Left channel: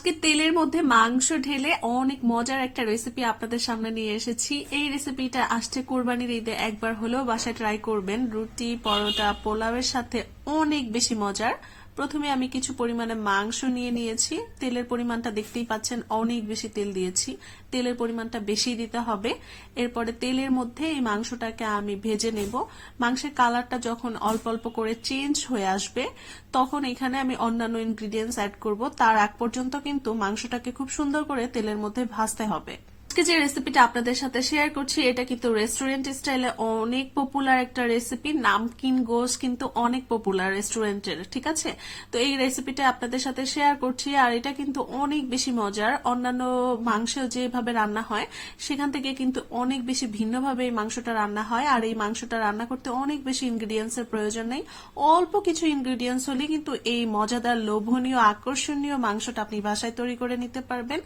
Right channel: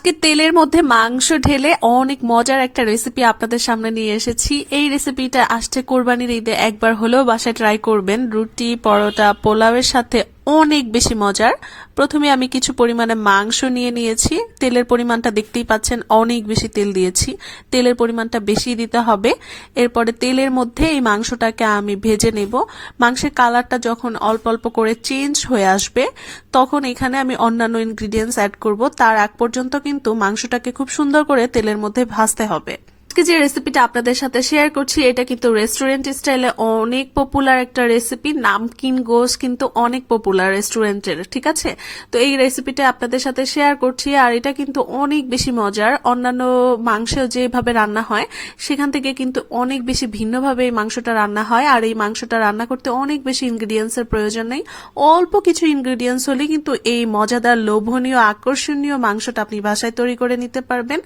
আজকে তেলের মধ্যে মাংস ঢেলে অনেক মজার একটা রেসিপি আপনাদের সামনে নিয়ে এসেছি। এই রেসিপিটা আসছে কোরবানির ঈদে একবার হলেও বাসায় ট্রাই করবেন। রুটি, পরোটা, পোলাওয়ের সাথে অনেক বেশি মজার। প্রথমে আমি কিছু পরিমাণে মাংস নিয়ে নিয়েছি। তেলের পরিমাণটা দেখতেই পাচ্ছেন, অনেক বেশি তেল দিয়েছি। তেলের পরিমাণটা বেশি দিতে হবে। এরপরে তেলের মধ্যে এই মাংসটাকে আমি ভেজে নেব। মাংসের কালারটা যখন অল্প অল্প করে চেঞ্জ হয়ে আসবে, তখন এখানে আমি অন্যান্য ইনগ্রিডিয়েন্টস অ্যাড করব। তার আগ পর্যন্ত কিন্তু মাংসটাকে খুব সুন্দর করে তেলের মধ্যে ভাজতে হবে। আজকে যে রেসিপিটা আপনাদের সাথে শেয়ার করছি, এটা কিন্তু রেস্টুরেন্ট স্টাইলে অনেক পপুলার একটা রেসিপি। নামকিন গোশ কিন্তু অনেক পপুলার রেস্টুরেন্টের, ঠিক আছে? তো এই রেসিপিটা আপনাদের সাথে শেয়ার করছি, আর এটা কিন্তু অনেক বেশি মজার। অন্যান্য মাংস যেভাবে রান্না হয় সেখান থেকে কিন্তু অনেক বেশি ভিন্নভাবে এই মাংসটা রান্না হয়। আর এই মাংসটা রান্না করতে অনেক বেশি ইনগ্রিডিয়েন্টস এর প্রয়োজন নেই। অল্প কিছু ইনগ্রিডিয়েন্টস হলেই কিন্তু এই মজাদার, লোভনীয়, আকর্ষণীয় মাংসটা আপনি বাসায় তৈরি করে নিতে পারবেন।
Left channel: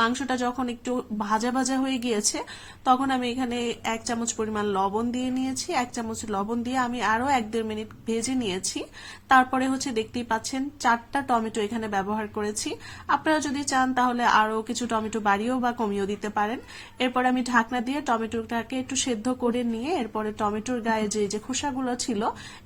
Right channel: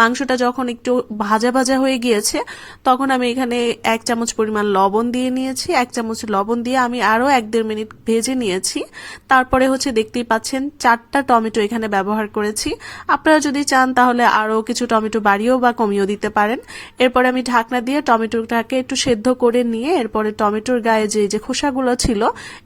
মাংসটা যখন একটু ভাজা ভাজা হয়ে গিয়েছে, তখন আমি এখানে 1 চামচ পরিমাণ লবণ দিয়ে নিয়েছি। 1 চামচ লবণ দিয়ে আমি আরো 1-1.5 মিনিট ভেজে নিয়েছি। তারপরে দেখতেই পাচ্ছেন 4টা টমেটো এখানে ব্যবহার করেছি। আপনারা যদি চান তাহলে আরো কিছু টমেটো বাড়িয়েও বা কমিয়েও দিতে পারেন। এরপরে আমি ঢাকনা দিয়ে টমেটোটাকে একটু সেদ্ধ করে নিয়ে এরপরে টমেটোর গায়ে যে খোসাগুলো ছিল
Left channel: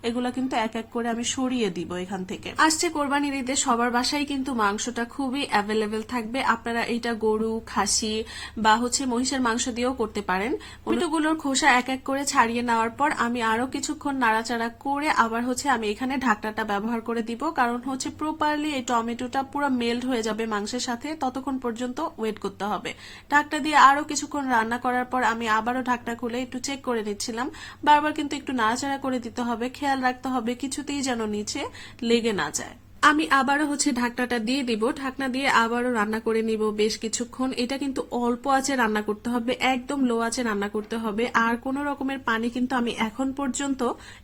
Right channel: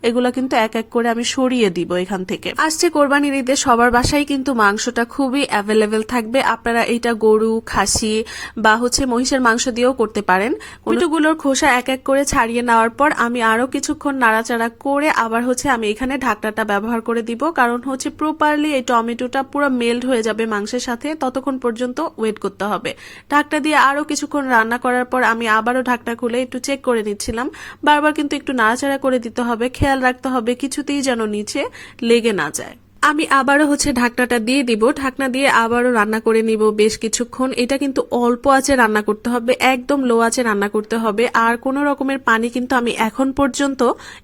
এগুলো কিন্তু এক এক করে আমি সরিয়ে দিব এখান থেকে। আসছে কোরবানির ঈদে সবার বাসায় কিন্তু মাংসটা খুবই অ্যাভেলেবেল থাকবে। আপনারা এটা গরু, খাসি বা মহিষের মাংস দিয়েও করতে পারেন। টমেটোগুলোর খোসা এক এক করে ছাড়িয়ে নেওয়ার পর আমি আরো কিছুক্ষণ নাড়াচাড়া করে আবার আমি এখানে ঢাকনাটা ব্যবহার করে দিব, কারণ প্রপারলি এই টমেটোটা পুরো মেল্ট হয়ে যাবে মাংসের সাথে। ততক্ষণ পর্যন্ত ওয়েট করতে হবে। ঢাকনা দিয়ে আরো কিছুক্ষণ রান্না করার পর আমি আবারও ঢাকনা খুলে একটু চেক করে নিচ্ছিলাম। বারবার কিন্তু একটু নাড়াচাড়া করে দিতে হবে, খেয়াল রাখতে হবে কিছুতেই যেন নিচে লেগে না যায়। আমি আবারও ঢাকনাটা দিয়ে দিব। ঢাকনা দিয়ে আবারও রান্না করে নিব বেশ কিছুক্ষণ। এটা কিন্তু অল্প আঁচে রান্না করতে হবে, একদম লো আঁচে রান্না করতে হবে। আর কোনো রকমের পানি কিন্তু আমি এখন পর্যন্ত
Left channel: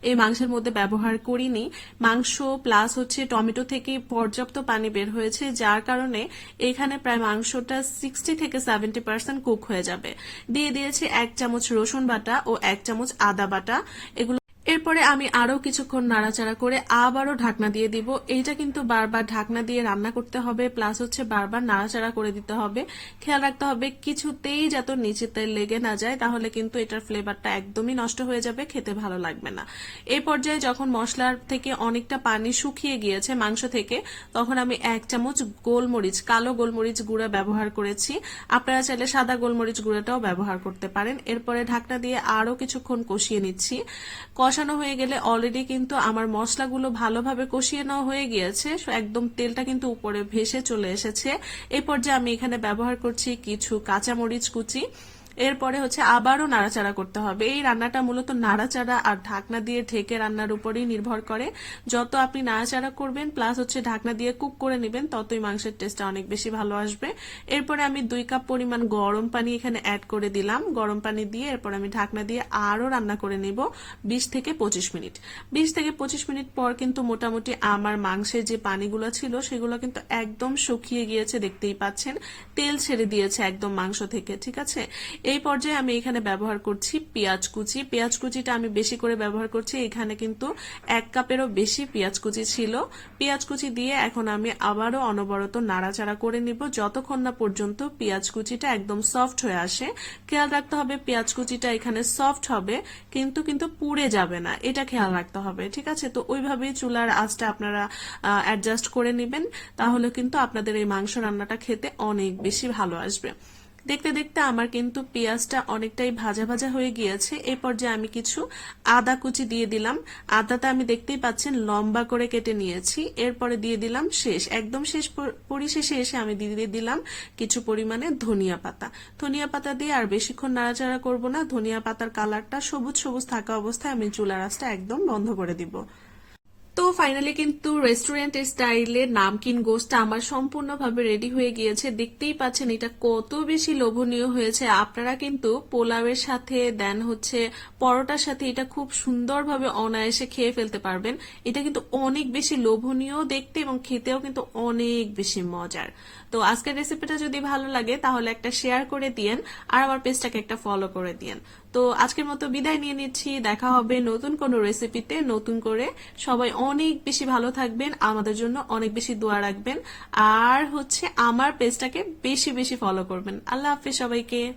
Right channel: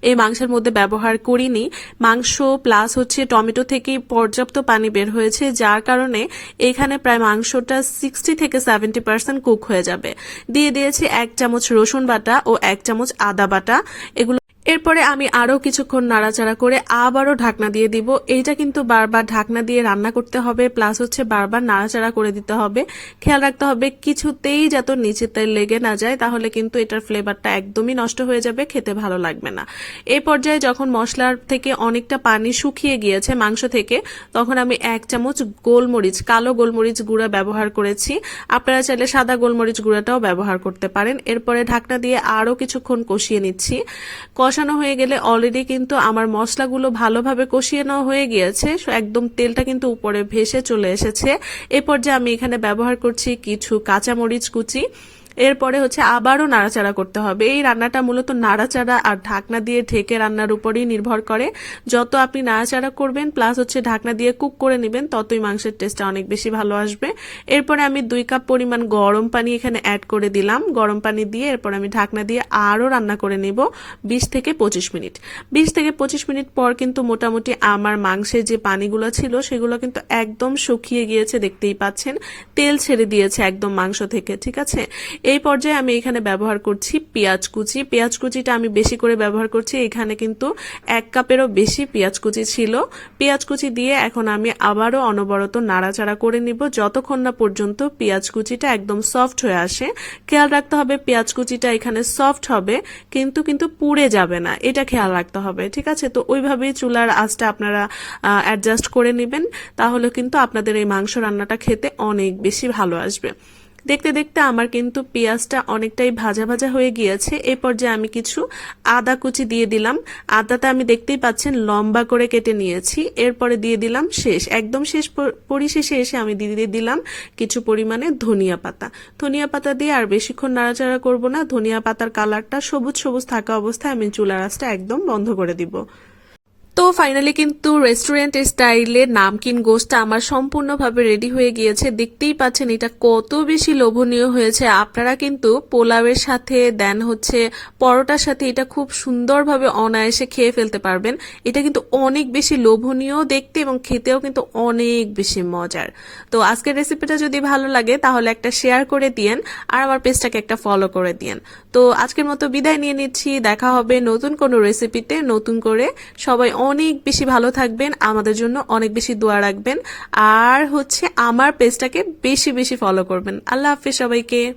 এই মাংসের মধ্যে ব্যবহার করিনি। মাংস প্লাস টমেটো থেকে পর্যাপ্ত পানি বের হয়েছে, যার কারণে এখানে প্রায় মাংসটা 60 থেকে 70% কুক হয়ে যাবে। দিয়ে দিয়েছি 1 চামচ রসুন বাটা ও 1 চামচ আদা বাটা। এগুলো এরপরে আমি আরো কিছুক্ষণ নাড়াচাড়া করে আবারও ঢাকনা দিয়ে দিব। এইটা কিন্তু বারবার ঢাকনা দিয়ে রান্না করতে হবে, প্লাস বারবার নাড়াচাড়া করে দিতে হবে। খেয়াল রাখতে হবে কিছুতেই যাতে নিচেতে লেগে না যায়, তাহলে কিন্তু এটার ফ্লেভারটা একদমই নষ্ট হয়ে যাবে, খেতে ভালো লাগবে না। এই পর্যায়ে যখন মশলার থেকে অনেকটা পানি শুকিয়ে গিয়েছে মাংস থেকে, তখন আমি 1 চামচ গোলমরিচ, কালো গোলমরিচ গুঁড়া ব্যবহার করেছি। আপনারা চাইলে সাদা গোলমরিচ গুঁড়াটাও ব্যবহার করতে পারেন। এরপরে ঢাকনা দিয়ে আরো কিছুক্ষণ কষিয়ে নিচ্ছি। কষানো হয়ে গেলে অলরেডি কিন্তু আমার মশলাগুলো ভালোভাবে কষিয়ে নেওয়া হয়ে গিয়েছে, একদম তেলটা কিন্তু উপরে ভেসে চলে এসেছে। এই পর্যায়ে আমি এখানে ব্যবহার করছি কিছু কাঁচামরিচ কুচি। এরপরে আবারও নাড়াচাড়া করতে হবে। এই রান্নাটা মূলত নাড়াচাড়া আর ঢাকনা দিয়ে ঢেকে রান্নার উপরই নির্ভর করে। যত আপনি নাড়াচাড়া করবেন প্লাস ঢাকনা দিয়ে কুক করে নেবেন, ততই মাংসের টেস্টটা অনেক বেশি ভালো আসবে। এরপরে আমি 2 কাপ পরিমাণ গরম পানি এখানে অ্যাড করে দিলাম। গরম পানি দিয়ে এরপর আমি ঢাকনা দিয়ে আরো রান্না করে নিব 20 থেকে 25 মিনিট। 20 থেকে 25 মিনিট পর কিন্তু মোটামুটি আমার মাংসের যে পানিগুলো ছিল সেগুলো কিন্তু একদম শুকিয়ে গিয়েছে, দেখতেই পাচ্ছেন তেল ছেড়ে দিয়েছে একদম মাংস থেকে, ঠিক আছে? এই পর্যায়ে আমি এখানে ব্যবহার করছি পেঁয়াজ কুচি। পেঁয়াজ কুচিটা আমি বেশি করে ব্যবহার করছি, এখানে কিন্তু 1 কাপেরও বেশি পেঁয়াজ কুচি ছিল। পেঁয়াজ কুচি দিয়ে এখন আমি আবারও অনবরত নাড়াচাড়া করে নিব যতক্ষণ না পর্যন্ত পেঁয়াজ কুচিটা একদম সফট হয়ে আসে। খেয়াল রাখতে হবে পেঁয়াজ কুচিটা এখানে সফট হবে, কিন্তু পুড়ে যাবে না, এটা খেয়াল রাখতে হবে, ঠিক আছে? তো ওইভাবেই চুলার আঁচটা আপনারা অ্যাডজাস্ট করে নেবেন, তাহলে কিন্তু আপনাদের এই মাংস রান্নাটা খেতে অনেক বেশি ভালো আসবে। দেখতে দেখতে আমার কিন্তু পেঁয়াজটা অনেকটাই ভাজা ভাজা হয়ে গিয়েছে। এই পর্যায়ে আমি কিছু আদা কুচি দিয়ে দিলাম। আদাটা আমি দেখতেই পাচ্ছেন লম্বা করে কেটে নিয়েছি। এরপরে দিয়ে দিলাম একদম শেষ পরিশেষে এসে আমি দিয়ে দিলাম কিছু পরিমাণে ধনিয়া পাতা। ধনিয়া পাতা দিয়ে আর বেশিক্ষণ নাড়াচাড়া করব না। ধনিয়া পাতার কালারটা সবুজ সবুজ থাকা অবস্থায় আমি চুলার আঁচটা একদম বন্ধ করে দিব। তো ফাইনালি কিন্তু রেস্টুরেন্ট স্টাইলে নামকিন গোশটা আমার সম্পূর্ণভাবে রেডি হয়ে গিয়েছে। দেখতেই পাচ্ছেন এটা কত বেশি লোভনীয় হয়েছে। আপনারা কিন্তু পোলাওয়ের সাথে দেন পরোটার সাথে এটা খুব সুন্দরভাবে অনায়াসে খেয়ে ফেলতে পারবেন। এটা কিন্তু অনেক বেশি লোভনীয় দেখতে এবং খেতেও কিন্তু অনেক বেশি মজার। তো আজকের রেসিপিটা যদি ভালো লাগে তাহলে একটা শেয়ার করে দিয়েন, আর আমার পেজটাকে একটা ফলো করে দিয়েন। তো আজকের মতো বিদায় নিয়ে নিচ্ছি। দেখা হবে নতুন কোনো রেসিপিতে নতুন করে। সবাই অনেক বেশি ভালো থাকবেন, আমাদের জন্য অনেক বেশি দোয়া রাখবেন, আর হচ্ছে আমার পেজটাকে বেশি বেশি ফলো করবেন। আল্লাহ হাফেজ সবাইকে।